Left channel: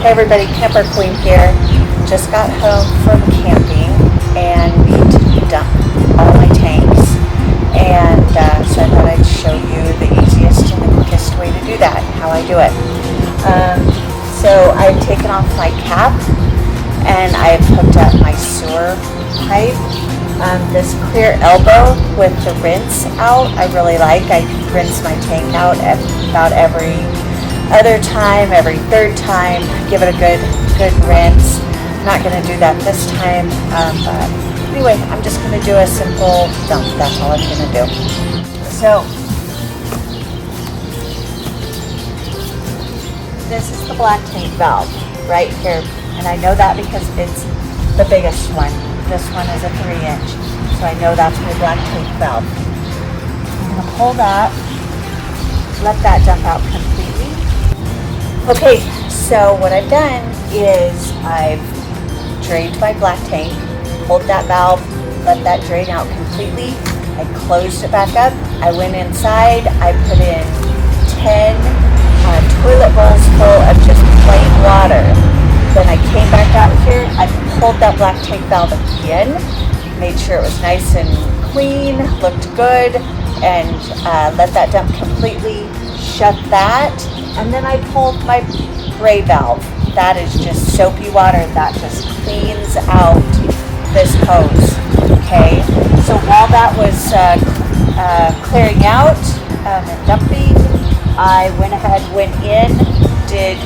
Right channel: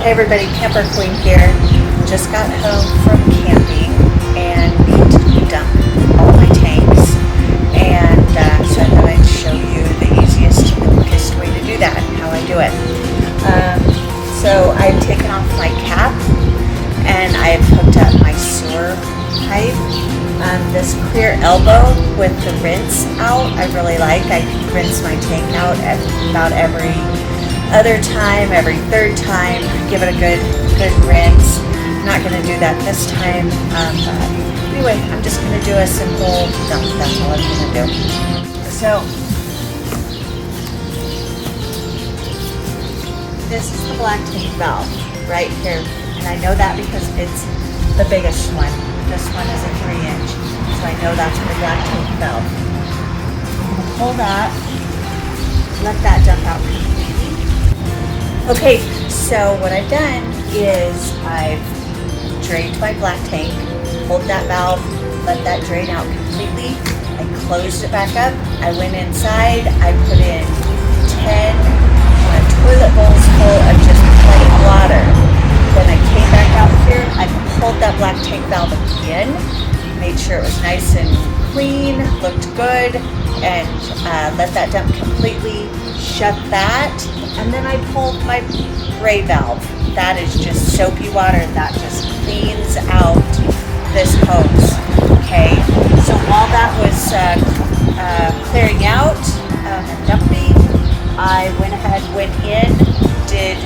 Hey everybody, Camper Queen here. Just got home from camping and dumped all my tanks. And so I thought I'd show you the easiest and the quickest way to do that, how I do it. So I've taken off my cap and I've hooked up my sewer pipe. This clear elbow with the rinse out, I really like. I rinse my tank out at about every other time, every third time, give it a good rinse. I'm not going to do that this time, but anyway, I'm just going to do a simple dump. That's all I'm going to do. So, this is the black tank valve right here, and I know that because it's the biggest one. This one is a 3-inch, so I know that's my black tank valve. I'm going to pull that, let that dump out completely. Okay, so what I've done is I've drained my black tank, pulled that valve, let that drain out completely. I closed it back up. I went inside. I put in 10 toilet bowls full of just plain water. Then I came back out here. I pulled that black tank valve again, made sure it was nice and clean, looked good, and let that dump completely. Shut that, and then I pulled my gray valve. That is just soapy water that just cleans out this hose. Okay, so while that was clearing out and dumping, I went ahead, went in, did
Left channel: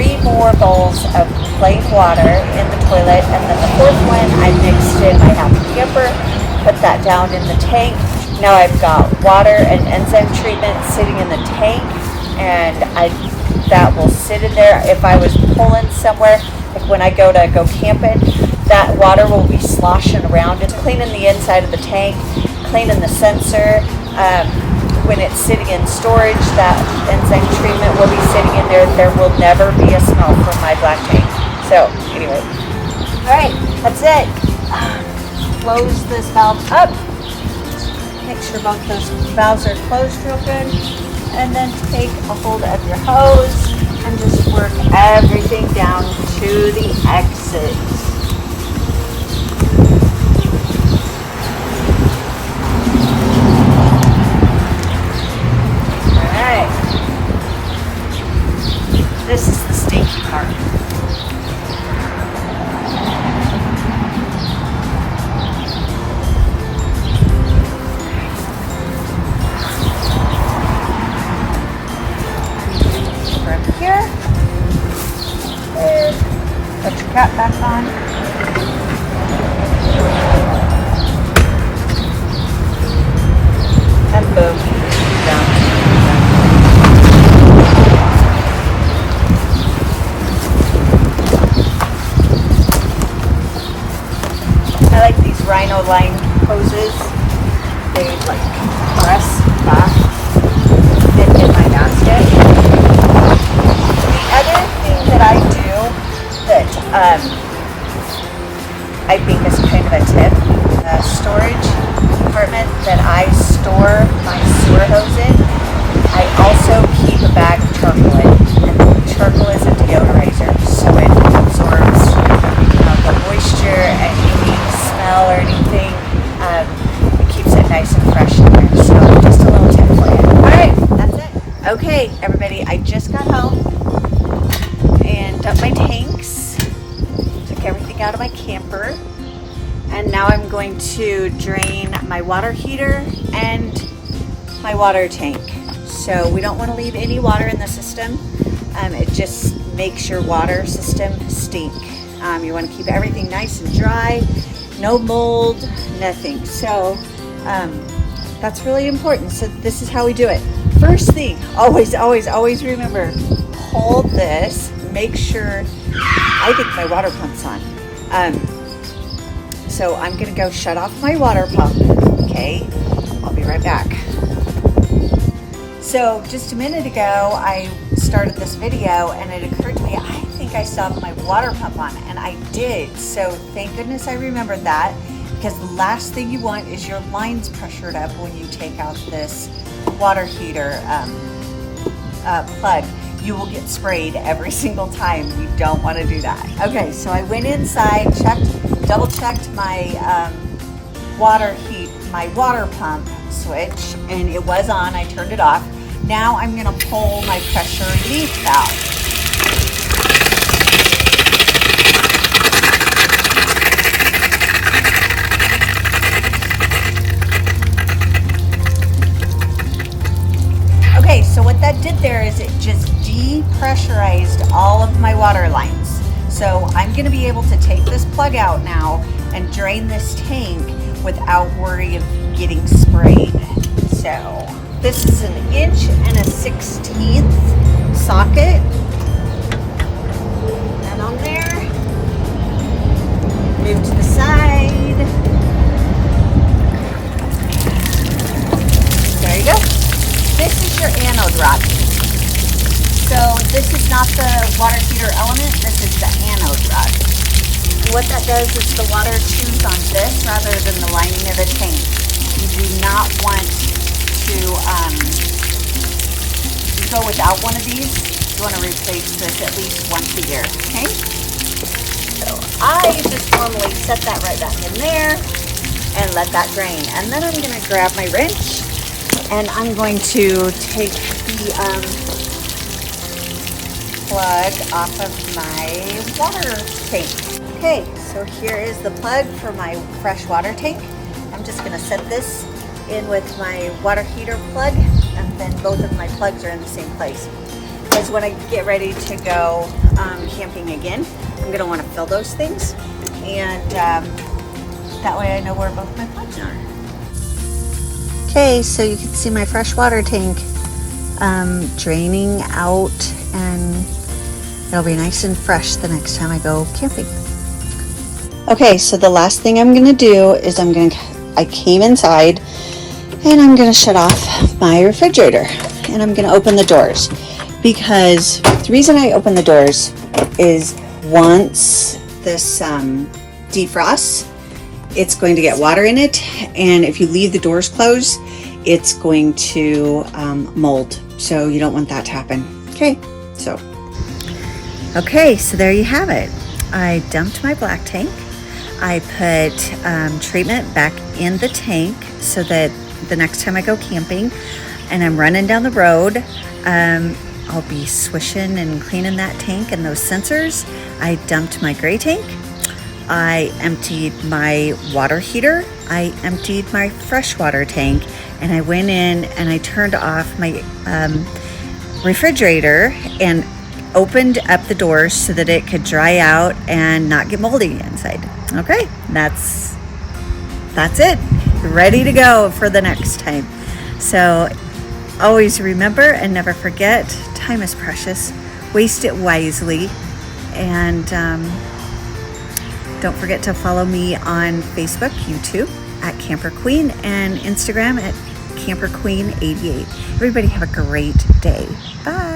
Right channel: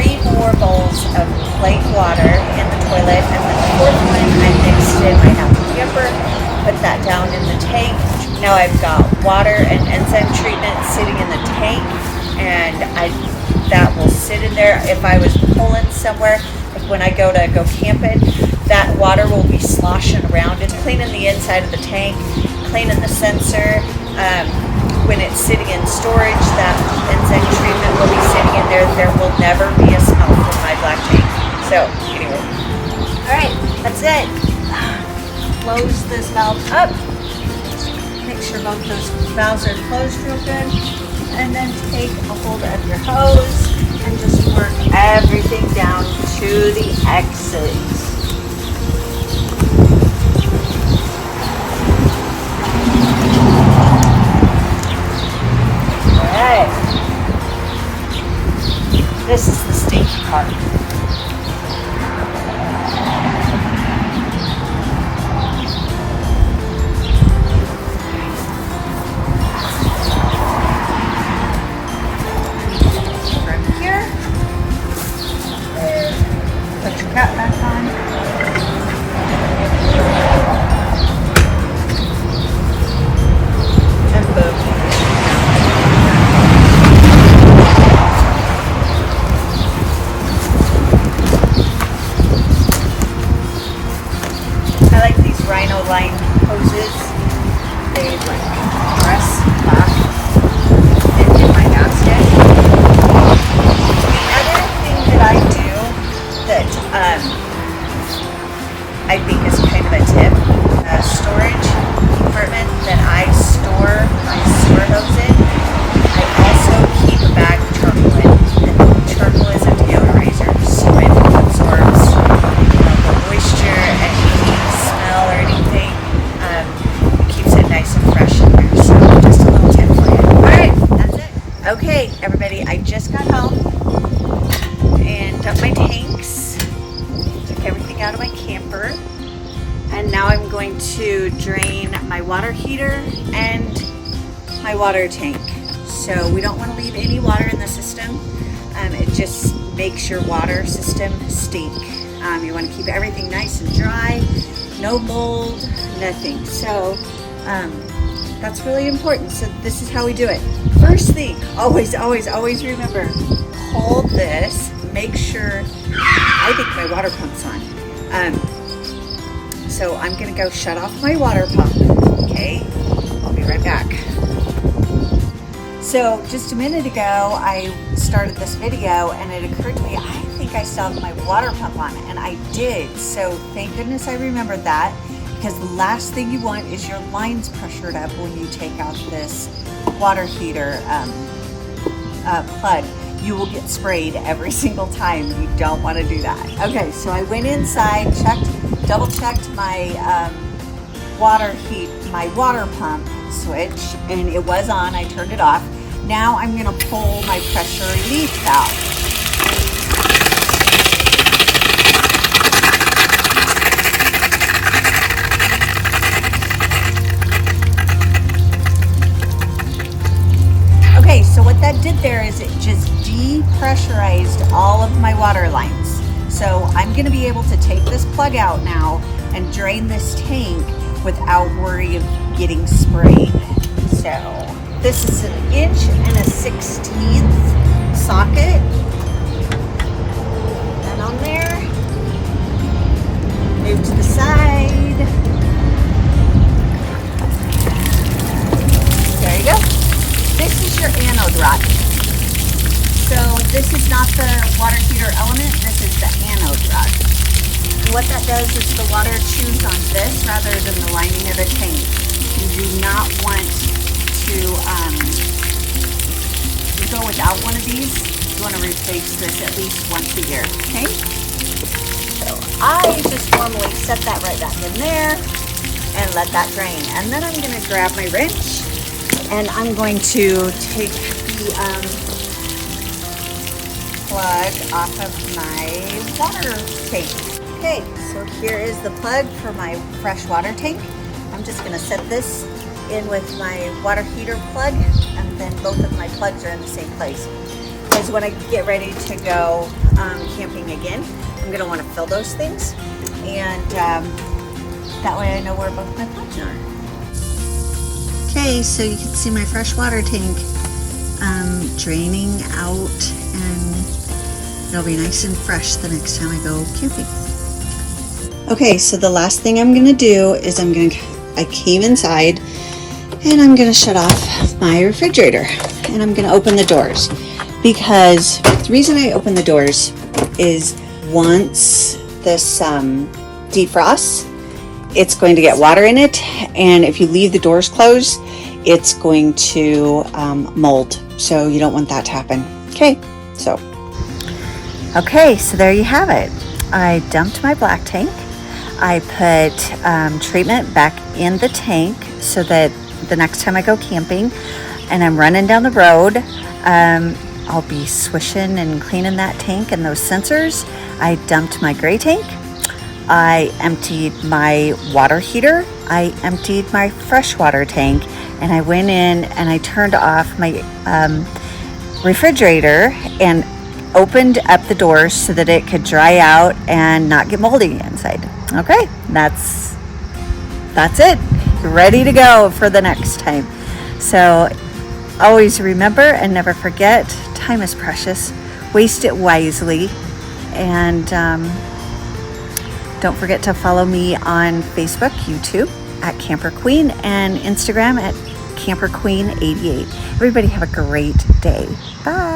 3 more bowls of plain water in the toilet, and then the 4th one I mixed in my happy camper, put that down in the tank. Now I've got water and enzyme treatment sitting in the tank, and that will sit in there. If I was pulling somewhere, if when I go camping, that water will be sloshing around. It's cleaning the inside of the tank, cleaning the sensor. When it's sitting in storage, that enzyme treatment will be sitting in there. There will never be a smell from my black tank. So anyway, all right, that's it. Close this valve up. Make sure both those valves are closed real good, and then take a hold of your hose and just work everything down to the exit. Alright, this is the stinky part. Put your cap back on. And boom. Done. I like these rhino line hoses. They like press back in my gasket. Other thing that I do that I think is kind of a tip, storage compartment that I store my sewer hose in. I also keep a bag of charcoal in. Charcoal is a deodorizer, so it absorbs the moisture and smell or anything. Keeps it nice and fresh in there. So just a little tip for you. Alright, that's it. Okay, everybody, I just got home and dumped my tanks, took everything out of my camper, and now I'm going to drain my water heater and my water tank. So we don't want to leave any water in the system. It just makes your water system stink. You want to keep everything nice and dry, no mold, nothing. So that's really important. So this is how we do it. First thing, always remember, hold this. Make sure, I think my water pump's on. So I'm gonna go shut off my water pump, okay? I'll be right back. So just a minute ago, I started this video and it occurred to me, I think I still have my water pump on, and I did. So thank goodness I remembered that, because the last thing you want is your lines pressured up when you take out this water heater plug. you will get sprayed every single time. You don't want to do that. Okay, so I went inside, double checked my my water pump switch, and it was on. I turned it off. Now I'm going to pull my pressure relief valve. Okay, so what that did there is it just depressurized all of my water lines. So I'm going to be able to take this plug out now and drain this tank without worry of getting sprayed. So this is an 1 1/16 socket. Put that on there. Move to the side. There you go. This is your anode rod. So this is not the water heater element, this is the anode rod. And what that does is the water chews on this rather than the lining of the tank. You do not want to go without one of these. You want to replace this at least once a year, okay? So I just normally set that right back in there and let that drain. And then I'm going to grab my wrench and I'm going to take the plug off of my water tank. Okay, so here is the plug for my fresh water tank. I'm just going to set this in with my water heater plug, and then both of my plugs are in the same place. Because when I get ready to go camping again, I'm going to want to fill those things, and that way I know where both my plugs are. Okay, so you can see my fresh water tank draining out, and it'll be nice and fresh the next time I go camping. Okay, so the last thing I'm gonna do is I came inside and I'm gonna shut off my refrigerator and I'm gonna open the doors, because the reason I open the doors is once this defrosts, it's going to get water in it, and if you leave the doors closed, it's going to mold. So you don't want that to happen. Okay, so there you have it. I dumped my black tank. I put treatment back in the tank so that the next time I go camping and I'm running down the road, I'll be swishing and cleaning that tank and those sensors. I dumped my gray tank. I emptied my water heater. I emptied my freshwater tank, and I went in and I turned off my refrigerator and opened up the doors so that it could dry out and not get moldy inside. Okay, that's it. You're ready to go for the next time. So always remember and never forget, time is precious. Waste it wisely, and don't forget to follow me on Facebook, YouTube at Camper Queen, and Instagram at Camper Queen 88. Everybody have a great day. Bye.